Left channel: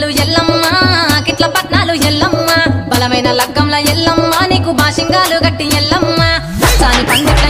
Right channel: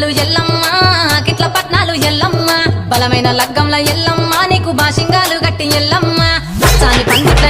పిల్లలు ఎల్లమ్మ కిట్ల పట్నాలు ఎల్లమ్మ బలమైన లగ్గంల ఎల్లమ్మ నీకు బాషింగాలు గట్టి ఎల్లమ్మ సాని పందిట్ల